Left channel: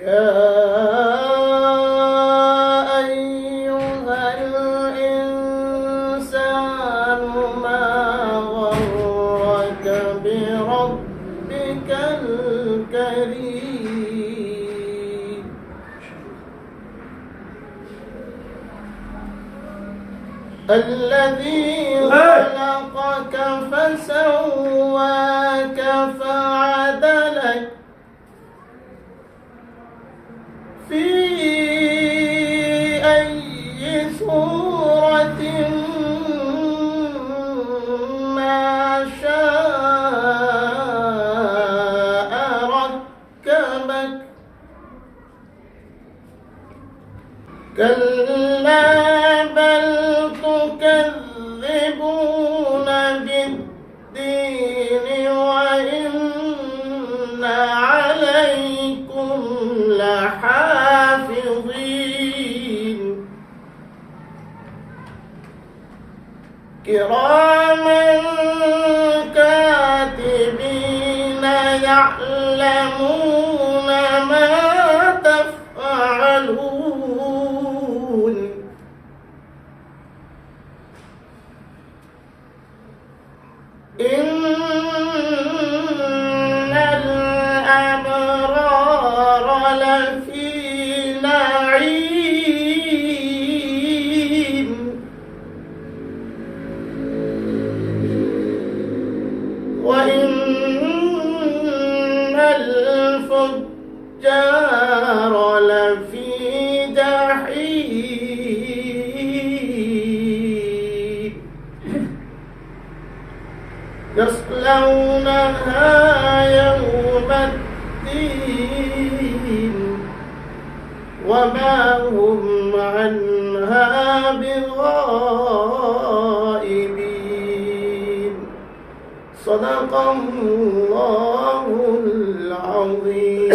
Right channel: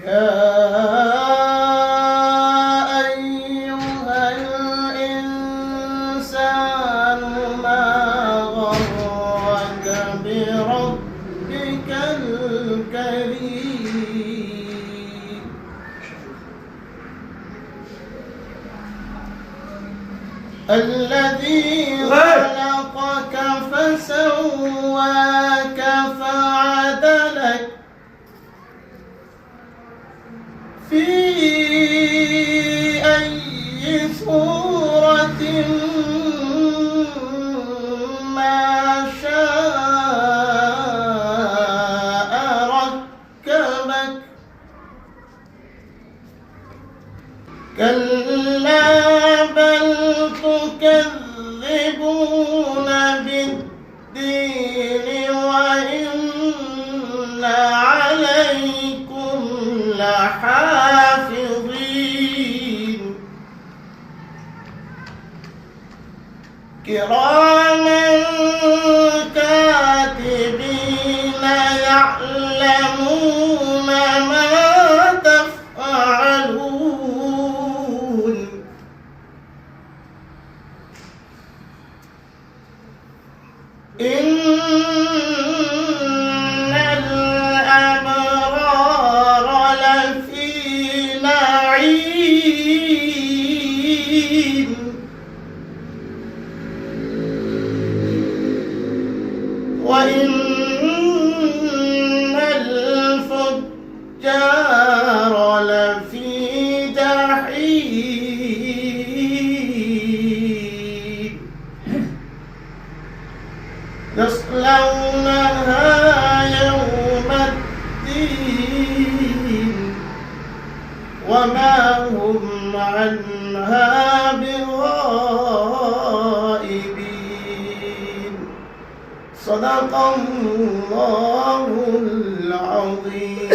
يا أيها الإنسان ما غرك بربك الكريم الذي خلقك فسواك فعدلك في أي صورة ما شاء ركبك كلا بل تكذبون بالدين وإن عليكم لحافظين كراما كاتبين يعلمون ما تفعلون إن الأبرار لفي نعيم وإن الفجار لفي جحيم يصلونها يوم الدين وما هم عنها بغائبين صدق الله العظيم.